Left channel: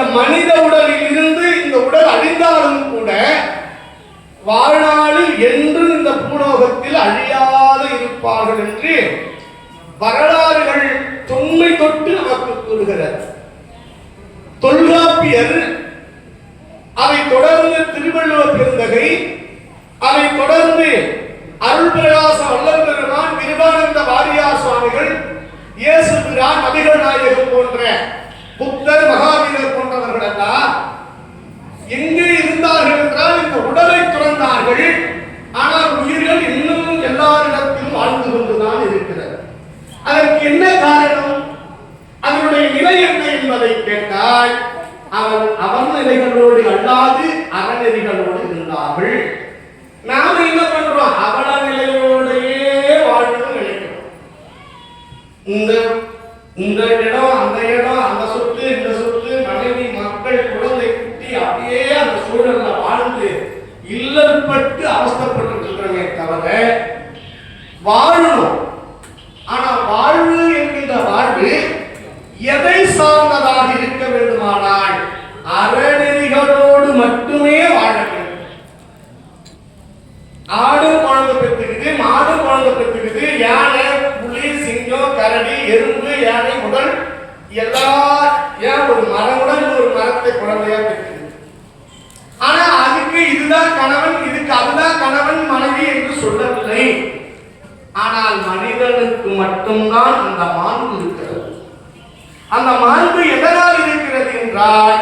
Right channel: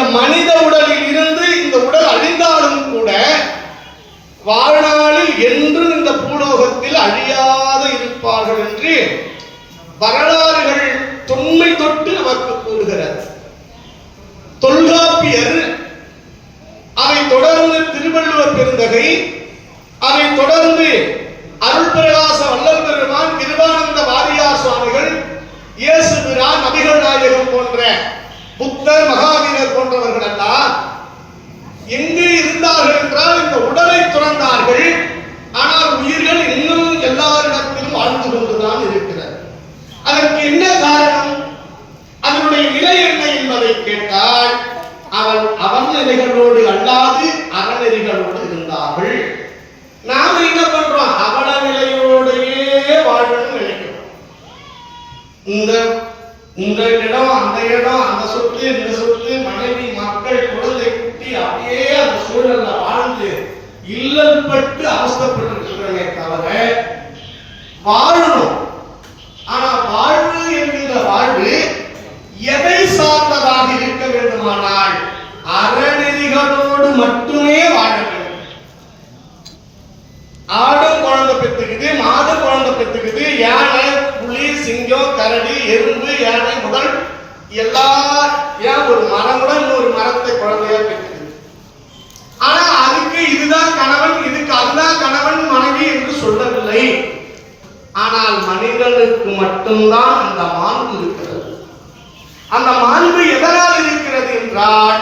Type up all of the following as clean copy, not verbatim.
இந்த மனித உடலில் இருந்து இந்த உடல் அழிந்தாலும் கூட வாழ்நாளில் என்று இந்த பூலோகத்தில் அழியாது இருப்பார்கள் என்று வரலாறுகள் தொன்மை தொட்டு நமக்கு கூறுகிறது. தொல்காப்பியர், அதை தொடர்ந்து திருவள்ளுவர் பெருந்தகை, அதை தொடர்ந்து அருள்பிரகாச வள்ளல் பெருமான், கிருபானந்த வாரியார் சுவாமிகள், இயேசு பிரான், நபிகள் நாயகம் போன்ற புத்தர், மகாவீரர் போன்றவர்கள் எல்லாம் எங்கே இருந்தார்கள் என்றால் இந்த உடலை துறந்தார்கள். ஆனால் உயிர்கள் இன்னும் எல்லாரிடத்திலும் வாழ்ந்து கொண்டுதான் இருக்கிறது. அதற்கு என்ன காரணம், அதனுடைய நிலை என்ன என்பதை கேட்டால் அவன் நிலைகளோடு அல்லாது அறநெறிகளோடு இருந்தார்கள். நாம என்ன பண்றோம், அவன நிலையோடையே வாழணும் நினைக்கிறோம். இந்த இடம், அந்த இடம், அந்த சொத்து, இந்த சொத்து, மனைவி, மக்கள், குழந்தை, குட்டி, அப்படியே அந்த சூழல்ல வாழ்ந்து இல்லற்பட்டு அவஸ்தைப்பட்டிருக்கிறோமே தவிர வாழணும். ஆனா வாழ்வு என்கிற வாழ்வு எதை சார்ந்ததாக இருக்க வேண்டுமானால் அறநெறிகளோடு மட்டுமே வாழ வேண்டும். ஆடும் குழந்தை பெற்றுக்குது, மாடு குழந்தை பெற்றுக்குது, யானை, புலி, சிங்கம், கரடி, எறும்பு, யானை, முதல் எல்லா ஏன் ஒரு மரமுடன் ஒரு மரத்தை குழந்தையா பெற்றுக்குது. ஆனா அதுக்கு இதுதான் கணவன், இதுக்கு அதுதான் கணவன் மனைவி என்று சொல்லவில்லை. ஆனால் மனிதனுக்கு மட்டும்தான் அந்த மாண்பு இருக்கிறது. அந்த மாண்பு எதனால் இருக்கிறது என்றால்,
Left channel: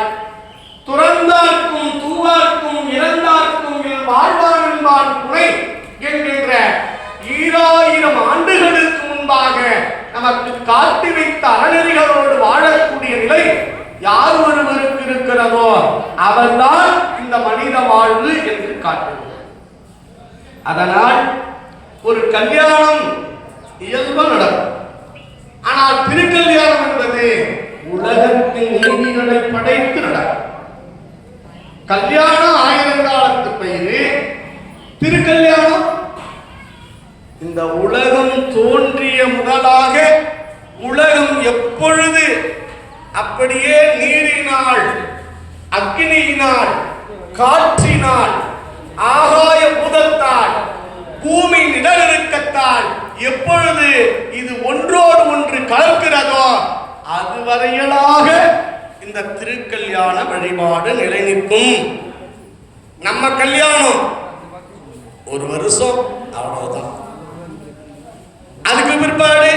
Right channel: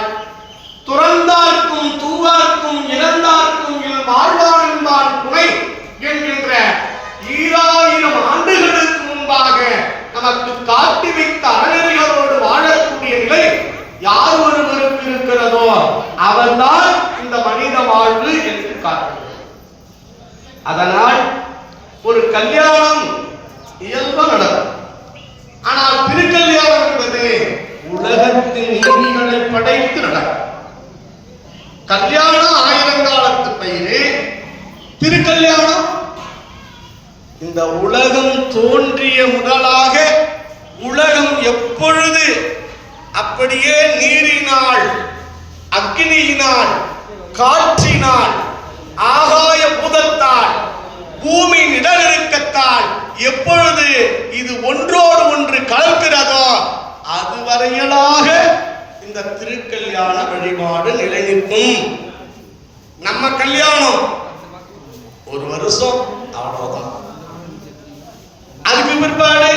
துறந்தார்க்கும் தூவார்க்கும் இறந்தார்க்கும் வாழ்வான் என்பான் துணை என்கின்ற 2000 ஆண்டுகளுக்கு முன்பாக நமக்கு காட்டி வைத்த அறநெறிகளோடு வாழக்கூடிய நிலை யார் ஒருவருக்கு இருக்கிறதோ அவர்தான் இந்த மனித வாழ்வு என்று காட்டுகிறது. அதனால் ஒரு கல்யாணம் இயல்பு நடக்கும். ஆனால் திருக்கல்யாணம் என்பது உலகத்தின் நீதிகளை படைத்து நடக்கும். கல்யாணம் ஆயிரங்காலத்து பயிரு, திருக்கல்யாணம் இந்த உலகம் தோன்றிய முதலாக உலகம் எப்பொழுது அப்படியே நீரினால், அக்னியினால், காற்றினால், ஆகாய பூதத்தால், பூமி நிலநடுக்கத்தால் எப்பொழுது இது ஒன்றோடு ஒன்று கலக்கிறதோ அதுவரையிலாக இந்த திருக்கல்யாண வழிபாடு நிலைநிற்கும். நம்ம கல்யாணம் ஒரு வருஷம் அவ்வளவுதான். அதுக்கு பிற்பாடு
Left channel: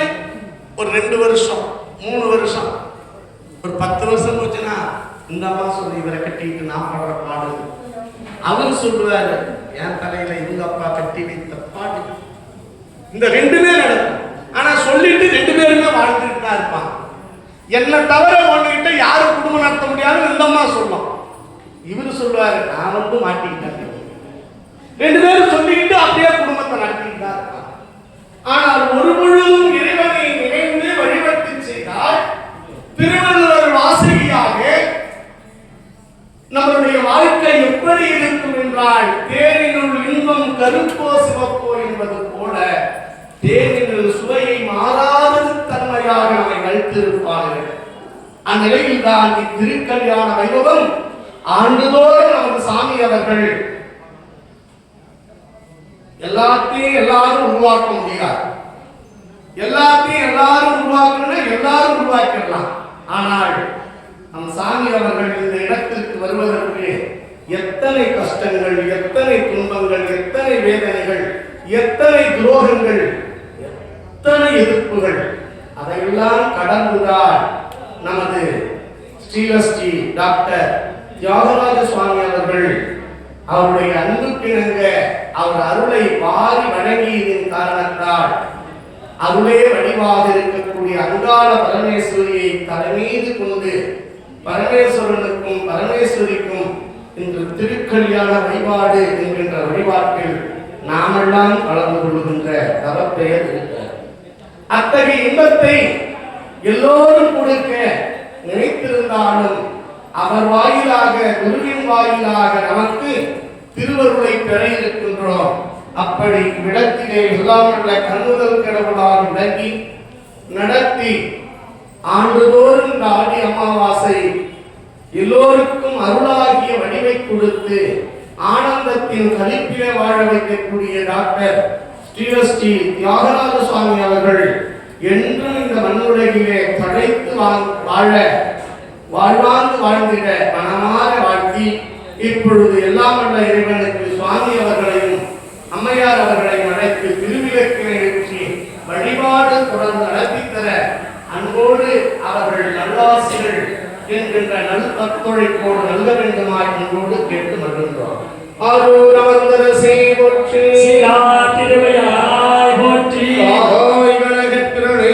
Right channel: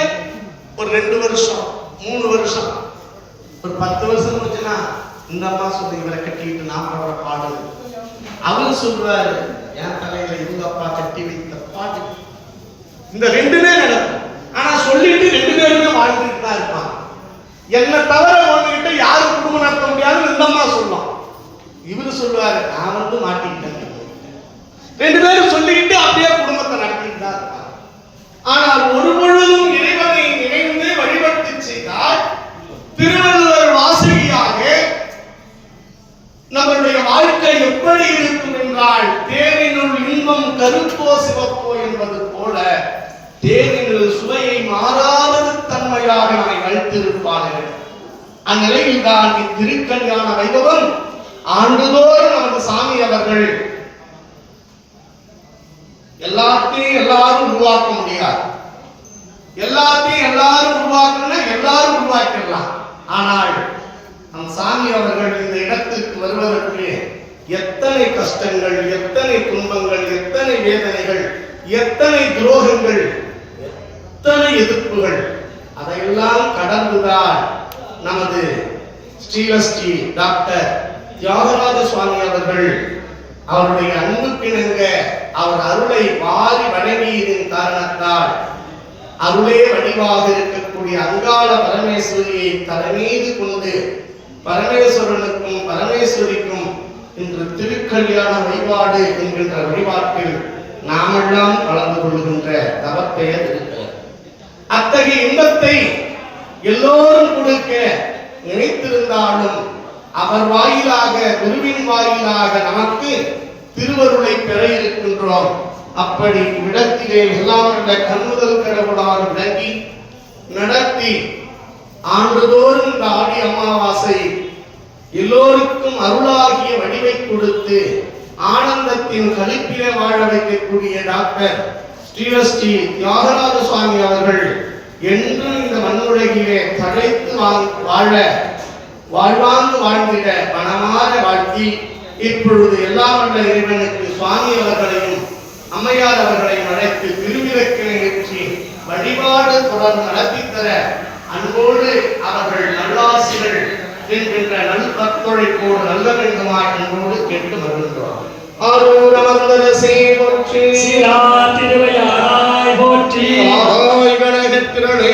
ஒரு 2 வருஷம், 3 வருஷம், ஒரு 10 வருஷம் போச்சுன்னா இந்த அம்மா சொல்லி இவரை கட்டிட்டு நான் பாடுற பாடு, அவர் சொல்லுவாரு என் தலையில எங்க அப்பா கட்டி வைத்த பாட்டு. இந்த 2மே நடக்கும். ஆனா சொல்லிட்டு 2 பேருமே வாழ்ந்துட்டு தான் இருப்பாங்க. என்ன தவிர ஒன்றுகிட்ட யாரும் குடும்பம் நடத்த முடியாதுன்னு இந்த அம்மா சொல்லலாம். இவரு சொல்லுவாரு நான் வந்து மாட்டிக்கிட்டேன். 2 பேரும் சொல்லிக்கிட்டு அப்படியே குடும்பத்தை நடத்திட்டு தான் இருப்பாங்க. ஆனால் ஒரு முழுவதும் இறைவனை நினைந்து வழிபட்டு செய்தால் திருவள்ளுவர் வாசகியாக நம்முடைய வாழ்க்கை எப்படி இருக்கும் என்றால், தேனினுள் இன்பம் கருப்போ சிவப்போ என்பது போல தேனினுள் சுவையை மாறாத தன்மையாக நம்மை வைத்திருப்பார்கள். அந்நிலையில் தான் இத்திருக்கல்யாண வைபவம் ஆண்டுதோறும் நமது சாமி அவர்கள் எல்லாத்தையும் எல்லாரும் உருவாக்க முடியாது. எல்லாத்தையும் எல்லாரும் உருவாக்கணும்னா எல்லாரும் உருவாக்கலாம். ஆனால் நம் சாமி அவர்கள் இந்த இடத்திற்கு வருவதற்கு எத்தனை கஷ்டங்கள், எத்தனை துன்பங்கள், எத்தனை வேதனைகள், எத்தனை துரோகங்கள், எத்தனை எதிர்ப்புகள், அதையெல்லாம் கடந்துதான் நமது ஸ்ரீலஸ்ரீ டாக்டர் தியாகராஜ சுவாமி அவர்கள் அவருடைய அன்புக்கிணங்க அவர் அருளை வாரி வணங்கியதின் காரணத்தால் அருளே வடிவாக இருக்கக்கூடிய அங்காள பரமேஸ்வரியை தலைமீது கொண்டு பரமேஸ்வரனுக்கும் பரமேஸ்வரிக்கும் இன்று திருக்கல்யாண வழிபாடு என்கின்ற வழிபாட்டில் நாமெல்லாம் கலந்து கொள்கின்ற தவப்பெயர் இருக்கிறது. அத்தகைய இன்பத்தை எல்லோரும் கொடுக்க நினைத்திருந்தாலும் அவர் வாயிலாக, குருவின் வாயிலாக நமக்கு திருவருளை பெற இருக்கின்றோம். அப்படி இடத்திலே எல்லாம் கண்ணுதல் கடவுளால் விளங்கி நடத்தி ஆண்டுதோறும் இந்த ஆடி அமாவாசை எல்லோருக்கும் அருளாகிய வடிவை கொடுத்து ஆனந்தத்தின் கலிப்பிலே வாழ வைக்கக்கூடிய டாக்டர் ஸ்ரீ தியாகராஜ சுவாமி அவர்கள் என்றும் இந்த மண்ணுலகிலே தழைத்து வாழ வாழ்வாங்கு வாழ்ந்திட மனமாற வாழ்த்தி இப்பொழுது எல்லாம் வல்ல இறைவனுக்கு சுவாமி அவர்களையும் அம்மையார் அவர்களையும் அழைத்து திருவிளக்கினை ஏற்றி வழிபாடு தொடர்ந்து நடத்தித்தர அன்போடு அவர்கள் நல்லாசிகள் என்கின்ற நல் பத்துழைப்போடு நல்ல வேண்டுமாய் அன்போடு கேட்டு வருகின்றோம். ஆரூரவர்தரசே போற்றி, சிரா திருவையாய் போற்றி, ஆரோய் கணகத்திரளே